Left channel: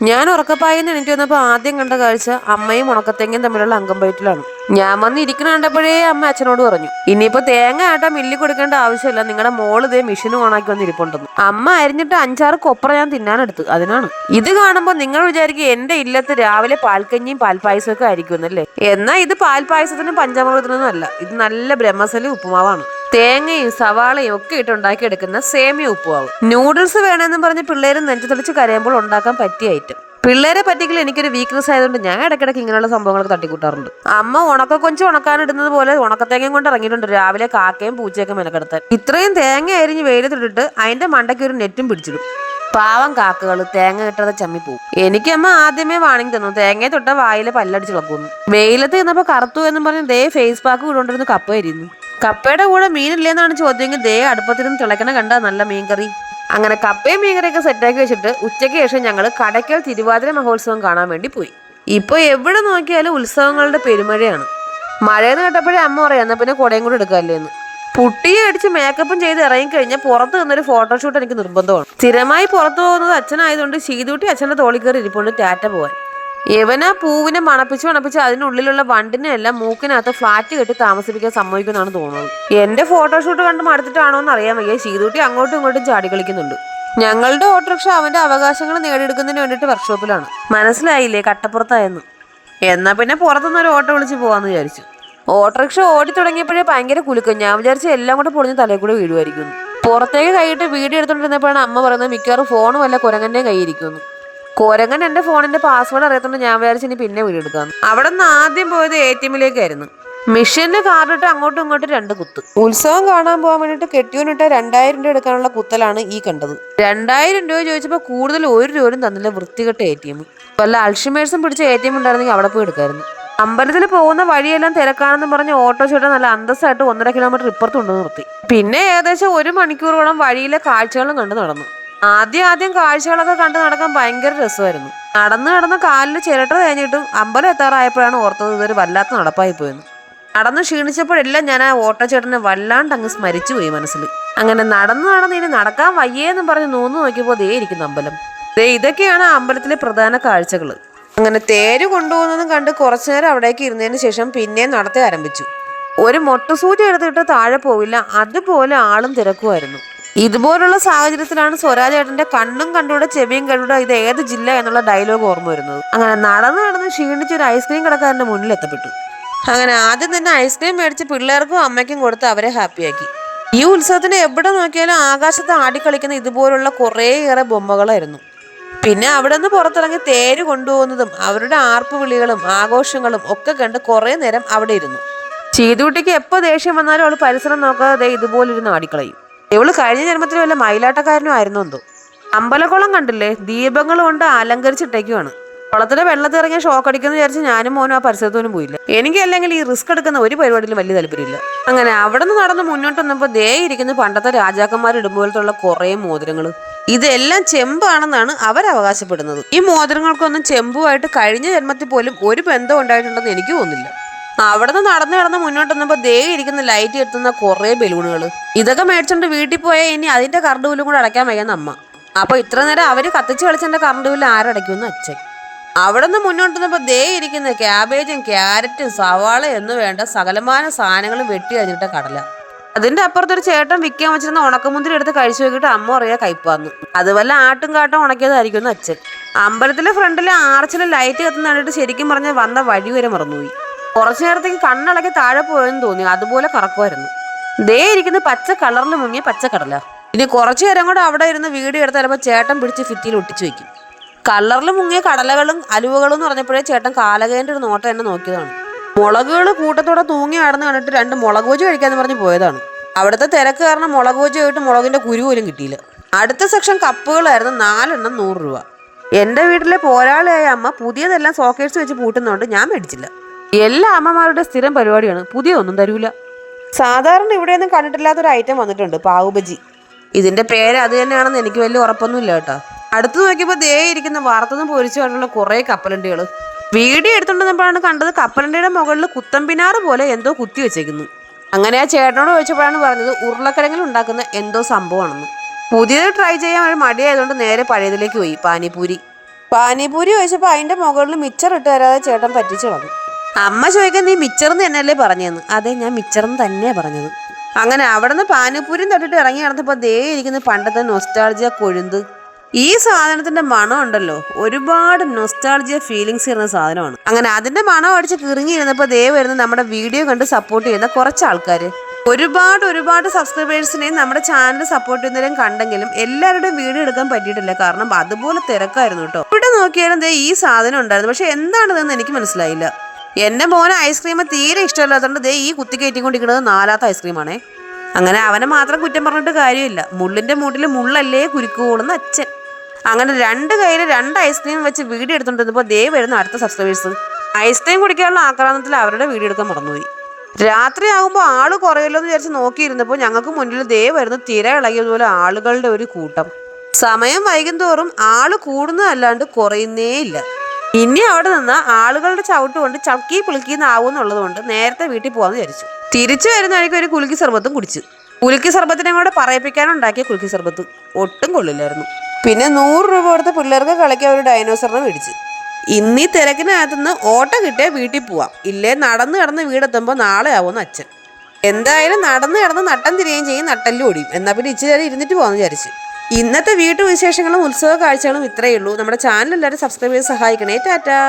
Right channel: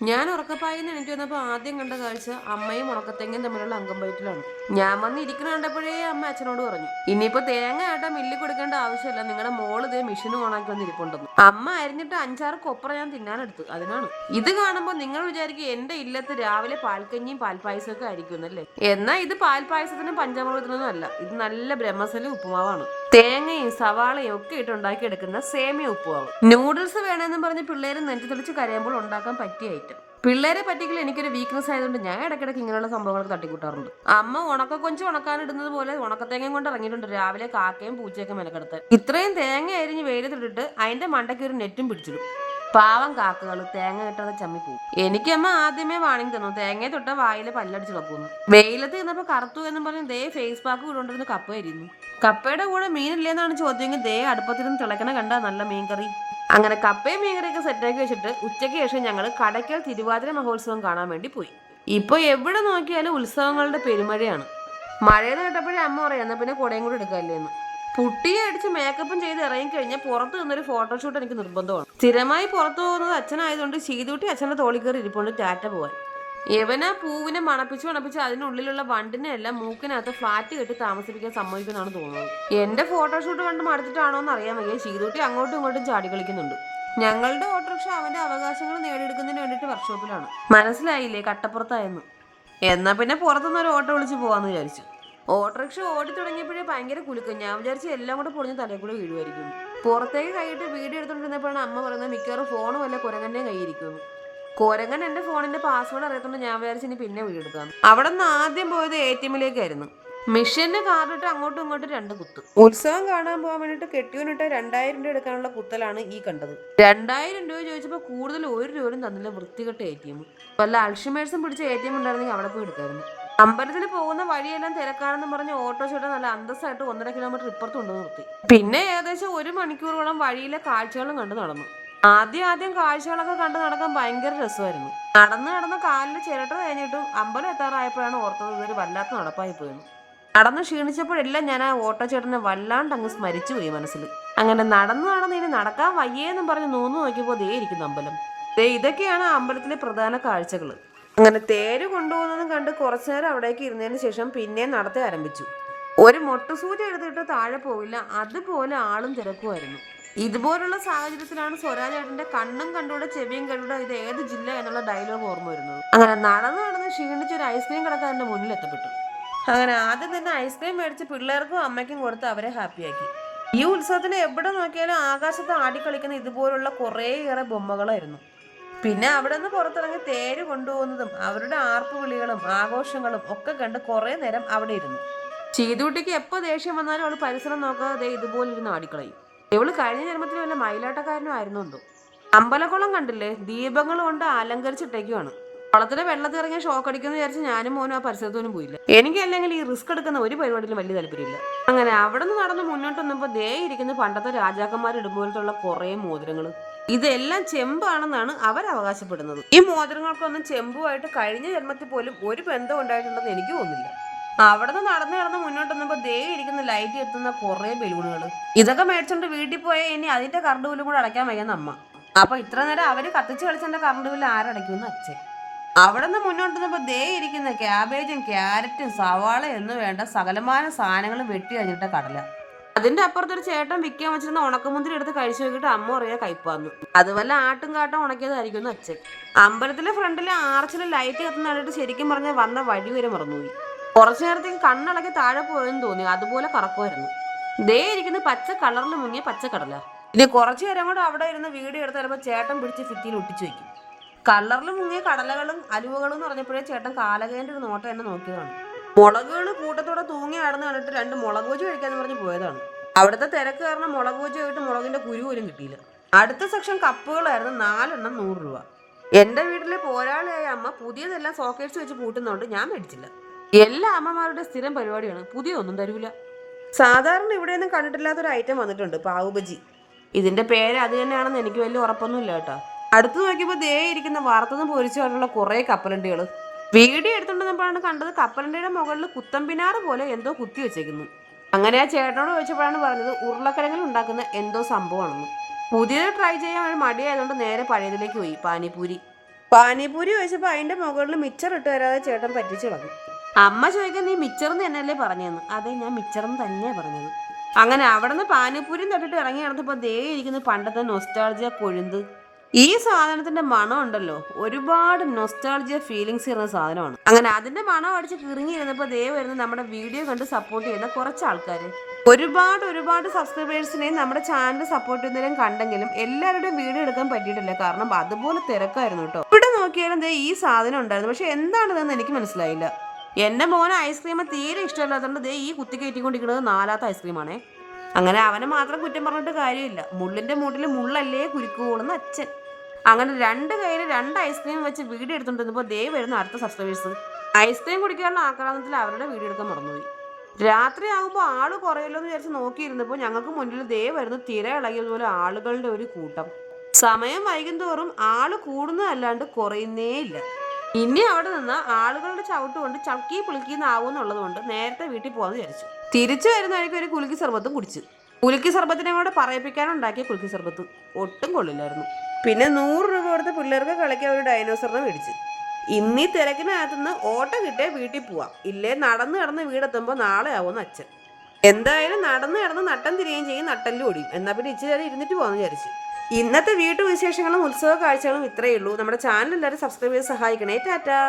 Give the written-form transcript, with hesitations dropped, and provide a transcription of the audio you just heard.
ഞാൻ ഉറക്കപ്പായെന്ന് എനിക്ക് വന്നപ്പോൾ ആദ്യം കണ്ട കാഴ്ച അമ്മയും ഉണക്കത്തേങ്ങയും തമ്മിലുള്ള അങ്കംപയറ്റിലാണ്. ഞാൻ വന്ന് ഇരിക്കുന്ന കണ്ടപ്പോഴേ അമ്മ അച്ഛനോട് പറഞ്ഞു, ഇനിയിപ്പോ തേങ്ങ ആട്ടാൻ മില്ലി കൊടുക്കേണ്ട ആവശ്യമില്ല, നിങ്ങളുടെ മോള് ഇതേ മെഷീൻ ഓണാക്കി വന്ന് ഇരിപ്പുണ്ടെന്ന്. അമ്മ അരിഞ്ഞിട്ട് 5-6 കൊപ്ര ഞാൻ തിന്നാനെടുത്ത്. അതിനാണ് ഇത് കാണുമ്പോൾ നിങ്ങൾ വിചാരിക്കും എന്റെ ഇല്ലത്ത് രാവിലെ പാൽക്കഞ്ഞിയും പാൽപ്പായസവും ഒക്കെ ആയിരിക്കുന്നല്ലേ. എന്നാൽ ഇത് പാൽപ്പായസത്തിനും പഞ്ചാമൃതത്തിനൊന്നും അല്ല. ഇത് നല്ല ബ്രഹ്മസലി ഉപ്പുമാവാണ്. തേങ്ങയും സവാളയും ഒക്കെ ഇട്ട് ഉണ്ടാക്കിയെടുക്കുന്ന സേമിയ ഉപ്പുമാവ്. നൂഡിൽസ് വേണമെന്നും പറഞ്ഞ് പിള്ളേര് നെഞ്ചു തെളിച്ച് കരയുമ്പോൾ ഉണ്ടാക്കാൻ പറ്റിയ ഐറ്റം. പിള്ളേരെ പറ്റിക്കൽ എനിക്കൊരു വീക്ക്നെസ് ആയതുകൊണ്ട് ഞാൻ ഇടയ്ക്കിടയ്ക്ക് ഇങ്ങനെയുള്ള സംഭവങ്ങളൊക്കെ തട്ടിക്കൂട്ടാറുണ്ട്. അമ്മ ഉണക്കക്കൊഞ്ച് ഉണക്കാനിടുന്നത് പോലെ ഉണക്കത്തേങ്ങയും കൊണ്ട് ഇറങ്ങിയിട്ടുണ്ട് രാവിലെ കാക്കയും പൂച്ചയൊക്കെ മെനക്കെടുത്താൻ. ഇത്രയും തേങ്ങ അരിഞ്ഞ് വെയിലത്തിട്ടിട്ട് അതിന്റെ മണ്ടയ്ക്ക് ഒരു നെറ്റും പിടിച്ചിടും. പാവം കാക്കകൾ തേങ്ങ കിട്ടാതെ ചമ്മിപ്പോവും. എനിക്കമ്മ ആദ്യമേ വാണിംഗ് തന്നു, തേങ്ങയെ തൊട്ട വായിലെ പല്ലടിച്ച് കളക്കുന്നു. വെയിലത്ത് ചെന്നപ്പോ കറുത്തു എന്നും പറഞ്ഞ് ദേ ഫേസ് പാക്ക് ഇട്ടുകൊണ്ടിരുന്ന് കപ്പ അരിയുന്നു. കപ്പയുടെ കൂടെ മീനില്ലേന്നാണ് ചോദ്യമെങ്കിൽ ദേ അടുപ്പത്തിരുന്ന് തിളക്കണ കണ്ട നല്ല മീൻകറി. അങ്ങനെ കപ്പയും മീൻകറിയൊക്കെ സെറ്റാക്കി വെച്ചിട്ട് ഉച്ചയ്ക്ക് ശേഷം ഞങ്ങൾ കടയ്ക്കൽ തിരുവാതിര മഹോത്സവം കാണാൻ വേണ്ടി പോയി. ഇപ്പൊ എവിടെ നോക്കിയാലും ഉത്സവങ്ങളുടെ പെരുമഴയാണ്. മഴയെന്ന് കേട്ടപ്പോഴേ അമ്മ പറയാം, എന്നാ പിന്നെ കുടയും കൂടെ എടുക്കാമല്ലേ എന്ന്. പുട്ടിയെ അടിച്ച് മേക്കപ്പും ചെയ്ത് ഇറങ്ങിക്കഴിഞ്ഞാൽ പുറത്ത് നിന്നൊരു ഫോട്ടോഷൂട്ട് എനിക്ക് നിർബന്ധമാണ്. സ്ഥിരമായി പുറത്തു പോകുന്നത് അച്ഛനായതുകൊണ്ട് ശീതൂട്ടി അച്ഛൻ്റെ തോളിൽ കയറി ഇരിപ്പുണ്ട് ടാറ്റ പോവാൻ. യവനാ പൂവിനെ മണപ്പിച്ച് അതിനുള്ളിലുള്ള വണ്ടിനെ എല്ലാം മൂക്കിനകത്ത് ഫ്ലാറ്റ് കെട്ടി താമസിപ്പിക്കാൻ സമ്മതിക്കുമെന്നാണ് തോന്നുന്നത്. എന്റെ ഫോട്ടോഷൂട്ട് കണ്ട് മടുത്തിട്ടാണോ എന്ന് അറിയാൻ വയ്യ, ശീതൂട്ടി അങ്ങോട്ടും ഇങ്ങോട്ടും ചാടി കളിക്കുന്നുണ്ട്. ഞങ്ങളുടെ ഓട്ടോറിക്ഷ അവന്റെ അവകാശങ്ങൾ നേടിയെടുക്കുന്നതിന് വേണ്ടിയിട്ട് വർക്ക്ഷോപ്പിലാണ്. മനസ്സിലായില്ലേ കട്ടപ്പുറത്തായെന്ന്. എന്നാ പിന്നെ പുറത്തുനിന്നൊരു ഓട്ടോ വിളിച്ച് പോവാന്ന് വിചാരിച്ചു. ഓട്ടോറിക്ഷ ഓടി തുടങ്ങിയപ്പോഴേ ഭയങ്കര കുലുക്കും. ഞാൻ വിചാരിച്ച എല്ലാം കൂടെ പൊളിഞ്ഞ് തലയിൽ കൂടെ വീഴുമായിരിക്കുന്നു. പുറത്തേക്ക് കൈയിട്ട് വീഡിയോ എടുത്തോണ്ടിരുന്നപ്പോഴാണ് അമ്മ പറയുന്നത് മിക്കവാറും ഫോൺ വല്ല കുരങ്ങന്റെ കൈയിരിക്കുന്നു. കുരങ്ങൻ എന്റെ ഫോണിന്റെ പാസ്വേഡ് അറിയാത്തോണ്ട് ഞാൻ വിചാരിച്ചു ഇനി പിന്നെ വീഡിയോ എടുക്കാന്ന്. അവിടെ നിന്ന് ആദ്യം പോയത് ATMിലേക്കായിരുന്നു. മിഷീനിൽ കാർഡിട്ട് അങ്ങോട്ടും ഇങ്ങോട്ടും 2 കുത്ത്. ഉത്സവം കാണാൻ പോകാൻ വേണ്ടിട്ട് കെട്ടിയോനിട്ട 2000 രൂപ എടുക്കാനുള്ള കുത്തലാണ് ഈ കണ്ടത്. 2000 രൂപ ചോദിച്ചപ്പോൾ കൂടുതൽ 1 രൂപയും തന്നില്ല. വൃത്തികെട്ട ATM. വല്ല അൾഷിമേഴ്സും പിടിച്ച ATM ഉണ്ടായിരുന്നെങ്കിൽ അവിടെ പോയി എടുക്കായിരുന്നു. അമ്പലത്തിൽ പോകുന്ന വഴിയെല്ലാം തിരക്കാണെന്ന് പറഞ്ഞ് ഓട്ടോ ചേട്ടൻ നല്ല അന്തസ്സായിട്ട് 1.5 കിലോമീറ്റർ ഇപ്പുറത്ത് കൊണ്ടു നിർത്തി. പിന്നെ ഏകദേശം 1 മണിക്കൂറോളം വഴിയിലെ കാഴ്ചകളും കണ്ടു നടന്നു. ആദ്യം കാഴ്ചകളൊക്കെ കണ്ടു നടക്കാൻ ഭയങ്കര രസമായിരുന്നു. നടന്ന് കാലിൽ ചിരട്ട തേഞ്ഞിട്ടും അമ്പലം എത്താറായപ്പോഴാണ് ഓർത്തത് ഇതൊരു വല്ലാത്ത നടപ്പായി പോയെന്ന്. നടന്ന് ക്ഷീണിച്ചപ്പോഴെല്ലാം ഞാൻ ആ ഓട്ടോ ചേട്ടനെ വല്ലാണ്ട് അങ്ങ് സ്മരിച്ചു പോയി മനസ്സിൽ. അങ്ങനെ നടന്ന് ഇനി നടക്കാൻ വയ്യേന്നും പറഞ്ഞ് നൂന്ന് നോക്കിയപ്പോൾ ദേ ഇരിക്കുന്ന അമ്പലം. ഇതൊക്കെയാണ് അമ്പലത്തിലെ പ്രധാന കാഴ്ചകൾ. അങ്ങനെ തേര് കൊണ്ടുപോകുന്നതും കണ്ട് കുറച്ചു നേരം അവിടേക്ക് ഇരുന്നതിന് ശേഷം പിന്നെയും നടത്തി ആരംഭിച്ചു. ഒരു മൊട്ടുസൂചി എടുത്തിട്ട് താഴെ പോവില്ല, അതുപോലെ ആളും തിരക്കുമായിരുന്നു. ഇതുപോലുള്ള സാഹചര്യത്തിലാണ് സ്വരാജേട്ടന്റെ കണ്ണും കണ്ടൂടെ ചെവിയും കണ്ടൂടെ ഇത് ഏത് ജില്ല എന്നുള്ള ഡയലോഗ് ഓർമ്മ വരുന്നത്. അങ്ങനെ നടന്ന് ക്ഷീണിച്ച് ഒരു ഐസ്ക്രീം കടക്കാരന്റെ മുന്നിൽ എത്തപ്പെട്ടു. അങ്ങനെ ആദ്യം തന്നെ ഐസ്ക്രീം മേടിച്ച് പിള്ളേർക്കും അമ്മയ്ക്കും കൊടുത്ത് അവരെ ഹാപ്പിയാക്കി. ഈ ഉത്സവത്തിന് എവിടെ നോക്കിയാലും ആകാശത്ത് ആടിക്കളിക്കുന്ന ഇതുപോലുള്ള കുറേയേറെ ബൊമ്മകളായിരുന്നു. പിന്നെ അവിടെ നിന്ന് പുറത്തിറങ്ങി തേര് കൊണ്ടുപോകുന്നതും അവരുടെ ആർപ്പ് വിളികളും ആഘോഷങ്ങളും ഒക്കെ കണ്ട് കുറേ നേരം അവിടെ ഇരുന്നു. ചീതുകുട്ടിക്ക് എപ്പോൾ ദേഷ്യം വന്നാലും അവൾ പരിസരം നോക്കാതെ ഇതുപോലിരുന്ന് ആടിക്കളയും. ഇവള് കഴിഞ്ഞ ജന്മത്തിൽ വല്ല മയിലാട്ടക്കാരനും ആയിരുന്നു എന്തോ. അമ്പലക്കുളം കണ്ടില്ലേ, ദീപങ്ങൾ കൊണ്ട് അലങ്കരിച്ചിട്ടേക്കുവാണ്. കുളത്തിലെ വെള്ളത്തിൽ ഇറങ്ങിയ ഷോക്ക് അടിക്കുന്നു വിചാരിച്ച് ഞാനും മോനും ആ പരിസരത്തോനും പോയില്ല. എനിക്ക് അല്ലെങ്കിൽ ഈ റിസ്ക് എടുക്കുന്ന ഒരു പരിപാടിയിലും വലിയ താല്പര്യമില്ല. അങ്ങനെ അവിടെ നിന്ന് നടന്ന് മുന്നോട്ട് വന്നപ്പോൾ ദേ ഇരിക്കുന്ന പണ്ടത്തെ രാജാക്കന്മാർ ഇടുമ്പോഴത്തുള്ള കുറേ മോതിരങ്ങൾ. ഇതെല്ലാം ചെമ്പാണെന്നാണ് അവരവകാശപ്പെടുന്നത്. ഈ മോതിരങ്ങൾക്കൊന്നും ചെമ്പുമായിട്ട് കഴിഞ്ഞ ജന്മത്തിൽ പോലും ഒരു ബന്ധം ഉണ്ടായിട്ടുണ്ടെന്ന് എനിക്ക് തോന്നുന്നില്ല. അവിടെ നിന്ന് നടന്ന് മുന്നോട്ട് വന്നപ്പോൾ ദേ ഇരിക്കുന്ന ലൈറ്റ് എത്തുന്ന കുറേ ബലൂണുകൾ. ഇതൊക്കെ മേടിച്ചോണ്ട് വീട്ടിൽ പോയാൽ ഇനി അതിന്റെ കറണ്ട് ബില്ലും കൂടെ അടയ്ക്കാൻ വയ്യെന്ന് അമ്മ. അപ്പൊ ഇത്ര നേരം അവര് കത്തിച്ച് കളിച്ചെന്റെ കറണ്ട് ബില്ല് ആരടയ്ക്കുമെന്ന് അച്ഛൻ. അവിടെ നിന്ന് മുന്നോട്ട് വന്നപ്പോൾ ദേ ഇരിക്കുന്ന ക്യാബേജും ക്യാരറ്റും സവാള എന്ന് വേണ്ട സകലമാന സാധനങ്ങളും വെട്ടി അരിഞ്ഞിട്ട കടല. അതിന്റെ അപ്പുറത്തൊരു ചേട്ടൻ വിൽക്കാൻ വെച്ചിരുന്ന ഉണക്കമുന്തിരി എടുത്ത് കഴിച്ചു നോക്കിയിട്ട് അമ്മ പറയാ കയ്പാന്ന്. അതുവല്ല ആട്ടും കാട്ടും ഉണക്കിയതായിരിക്കും അച്ഛൻ. അമ്പലത്തിലെ ഫ്രണ്ടിലെ ആർച്ചിലെ ലൈറ്റ് കത്തുന്ന കണ്ടിട്ട് ശരിക്കും പറഞ്ഞ വന്ന വഴി വരെ മറന്നുപോയി. കുറച്ചു നേരത്തേക്ക് കണ്ണളക്കി താഴെ പോയെന്ന് തോന്നി. അതുപോലെ കറക്കുമായിരുന്നു. ദേ ഇരിക്കുന്ന പച്ച കളറിൽ മുങ്ങിയ പച്ചക്കടല. ഇനി കുറച്ചു നേരം കൂടെ അവിടെ ഇരുന്ന് വീഡിയോ എടുത്ത് ചിലപ്പോൾ ചേട്ടൻ പിടിച്ച് ഫിറ്റിയിൽ ഒട്ടിച്ചു വെക്കും. കളറിൽ മുങ്ങിയ കടലകളും അലുവകളും എന്ന് പറഞ്ഞപ്പോഴേ ചേട്ടൻ കാലകേന്റെ ഒരു നോട്ടം എന്നെ നോക്കിയതാണ്. മുളകുകൾ കൂട്ടത്തോടെ തൂങ്ങി ആടുന്ന് കണ്ടിട്ട് 2 മുളക് ബജി കഴിക്കാന്ന് പറഞ്ഞ് പോയതാണ്. അവിടുത്തെ തിരക്ക് കാരണം മുളക് ബജി ആയിട്ട് മുളകിന്റെ കുരു പോലും കിട്ടിയില്ല. അടുത്ത സെക്ഷൻ കപ്പുകളായിരുന്നു. 4 എണ്ണം 100 രൂപ. എൻ്റെ വീട്ടിലെ പോരാളിയായ അമ്മ പുതിയതെല്ലാം സോക്കേഴ്സ് വെച്ച് പൂട്ടുന്നതുകൊണ്ട് ഞാൻ മേടിച്ചില്ല. എല്ലാ അമ്മമാരുടെ സ്ഥിരം പരിപാടിയാണ്, പുതിയൊന്നും തരൂല. സാധാരണ ഇവിടെയൊന്നും കണ്ടിട്ടില്ലാത്തൊരു ഐറ്റം വന്നിട്ടുണ്ട്, പാവുബജി. ഇതിന്റെ പേര് അത് തന്നെയാണെന്ന് എനിക്ക് വലിയ ഉറപ്പൊന്നുമില്ല കേട്ടോ. അടുത്ത് നോക്കിയപ്പോൾ ദേ ഇരിക്കുന്ന വറുത്തതും പൊരിച്ചുമായിട്ടുള്ള കുറേ കപ്പലണ്ടികൾ. വീഡിയോ എടുത്തുകൊണ്ടിരുന്നപ്പോഴാണ് കണ്ടത് കപ്പലണ്ടിയുടെ മുകളിൽ കുത്തമ്പിനാറ് പോലെ എന്തോ കുത്തി വെച്ചേക്കുന്നു. അങ്ങനെ ആ ചേട്ടനോട് ചോദിച്ചപ്പോഴാണ് പറഞ്ഞത് ഉരുളക്കിഴങ്ങിൽ ഉണ്ടാക്കുന്ന എന്തോ സംഭവമാണെന്ന്. പുതിയത് ട്രൈ ചെയ്യാൻ ഒരു മടിയായതുകൊണ്ട് നേരെ പഴയതിലേക്ക് പോയി, പാനിപൂരി. പാനിപൂരി ചോദിച്ചപ്പോൾ അതിൻ്റെ മുകളിൽ മിച്ചർ ഇട്ട് തരാതെ ചേട്ടൻ പറ്റിച്ചു കളഞ്ഞു. അമ്മ ചോദിക്കാൻ നീ മിച്ചർന്ന് തന്നെയല്ലേ പറഞ്ഞതെന്ന്. അതെ, ഞാൻ മിച്ചർന്ന് തന്നെയാണ് പറഞ്ഞത്. അങ്ങനെ അവിടെ നിന്ന് പാനിപൂരിയും തൊട്ടിട്ട് ഇറങ്ങി നടന്നപ്പോൾ ദേ ഇരിക്കുന്ന പണ്ടത്തെ നൊസ്റ്റാൾജിയ കൊഴുന്ത്. ഈ സാധനത്തിന്റെ മണം ഉണ്ടല്ലോ, ഒരുപാട് നൊസ്റ്റാൾജിയ ഫീലിങ്സ് ചെയ്യുന്ന സാധനമാണ്. അങ്ങനെ അതിന്റെ മണം അടിച്ച് കിറങ്ങിയിരുന്നപ്പോൾ ദേ വരുന്ന നമ്മുടെ വീഡിയോ കണ്ട് സപ്പോർട്ട് ചെയ്യുന്ന കുറച്ച് ആൾക്കാർ. ഒരുപാട് സബ്സ്ക്രൈബേഴ്സിനെയും നമ്മുടെ ചാനൽ സപ്പോർട്ട് ചെയ്യുന്നവരും കണ്ടെങ്കിലും എല്ലാവരുടെയും വീഡിയോ എടുക്കാൻ പറ്റിയിട്ടില്ല. കാരണം അതുപോലെ തിരക്കായിരുന്നു കേട്ടോ. ഇവിടെ നോക്കിയാലും ദേ ഈ സാധനം ഉണ്ടായിരുന്നു. പക്ഷെ എന്താണിതെന്ന് എനിക്ക് മനസ്സിലായില്ല. എൻ്റെ മോന് ഐസ്ക്രീം തീരെ ഇഷ്ടമല്ലാത്തതുകൊണ്ട് ദേ ഈ കുത്തിക്കയറ്റിക്കൊണ്ടിരിക്കുന്നത് 4ാമത്തെ ഐസ്ക്രീമാണേ. അങ്ങനെ അവനെ മാത്രം കുറ്റം പറഞ്ഞിട്ട് കാര്യമില്ല. മുള്ളിൻ്റെ മൂട്ടിൽ മുള്ളല്ലേ കുരുക്കുകൂടുന്ന അച്ഛൻ. അങ്ങനെ 2 കയ്യിൽ 2 ഐസ്ക്രീം വെച്ച് വീഡിയോ എടുത്തുകൊണ്ടിരുന്നപ്പോൾ ദേ വരുന്ന അടുത്ത സബ്സ്ക്രൈബേഴ്സ് ഐസ്ക്രീം കുടിക്കാനുള്ള ആക്രാന്തത്തിൽ അവരുടെ വീഡിയോ എടുക്കാൻ മറന്നുപോയി. രാത്രി ആകുമ്പോൾ ആള് കുറയല്ലോ എന്ന് വിചാരിച്ച് നോക്കിയിരുന്നപ്പോൾ ഞങ്ങൾക്ക് മുന്നിൽ ദേ വരുന്ന തിര ഇളകിയതുപോലെ ആളുകളുടെ ഒരു കൂട്ടം. സമയം വൈകും തോറും ആള് കൂടുന്നതല്ലാണ്ട് കുറയുന്നേ ഇല്ല. ഇനി അവിടെ നിന്ന് ആളുകളുടെ ചവിട്ട് കൊണ്ട് ചക്കി പുളിക്കിന്നാവുന്നുള്ളത് കൊണ്ട് നേരത്തെ വീട്ടിൽ പോകാമെന്ന് വിചാരിച്ചു. തിരിച്ചു വരുന്ന വഴിക്ക് ഒരു കുലുക്കി സർബത്തും കുടിച്ചു. കുലുക്കി സർബത്തിനെ കൂടെ പറയിപ്പിക്കാനുണ്ടാക്കിയ കുലുക്കി സർബത്ത് ഒട്ടും കൊള്ളില്ലായിരുന്നു. പിന്നെ 100 രൂപ കൊടുത്ത് പിള്ളേർക്ക് കളിക്കാൻ ഒരു ഡൈനോസറിനെ മേടിച്ച്. ഇന്നീ തിരക്കിനകത്തുനിന്ന് ഓട്ടം കിട്ടിയാൽ വീട്ടിൽ പോവാം, ഇല്ലേ നടന്ന് കിടന്ന് വീടെത്തുമ്പോൾ നാളെ ആവുമെന്ന് അച്ഛൻ. എന്തായാലും നടന്ന് കിടന്ന് നട്ടം തിരിയുകയും ചെയ്യും, നട്ടല്ലും ഓടിയും. എന്നാൽ പിന്നെ ഇച്ചിരി നേരം ഇരുന്നിട്ട് പോകാമെന്ന് വിചാരിച്ചു. ഇന്നത്തെ വീട്ടുവിശേഷങ്ങളും ഉത്സവ കാഴ്ചകളും ഇത്രയേ ഉള്ളൂ. നമ്മുടെ ചാനൽ എല്ലാവരും സബ്സ്ക്രൈബ് ചെയ്ത് സഹായിക്കണേ. ടാറ്റാ.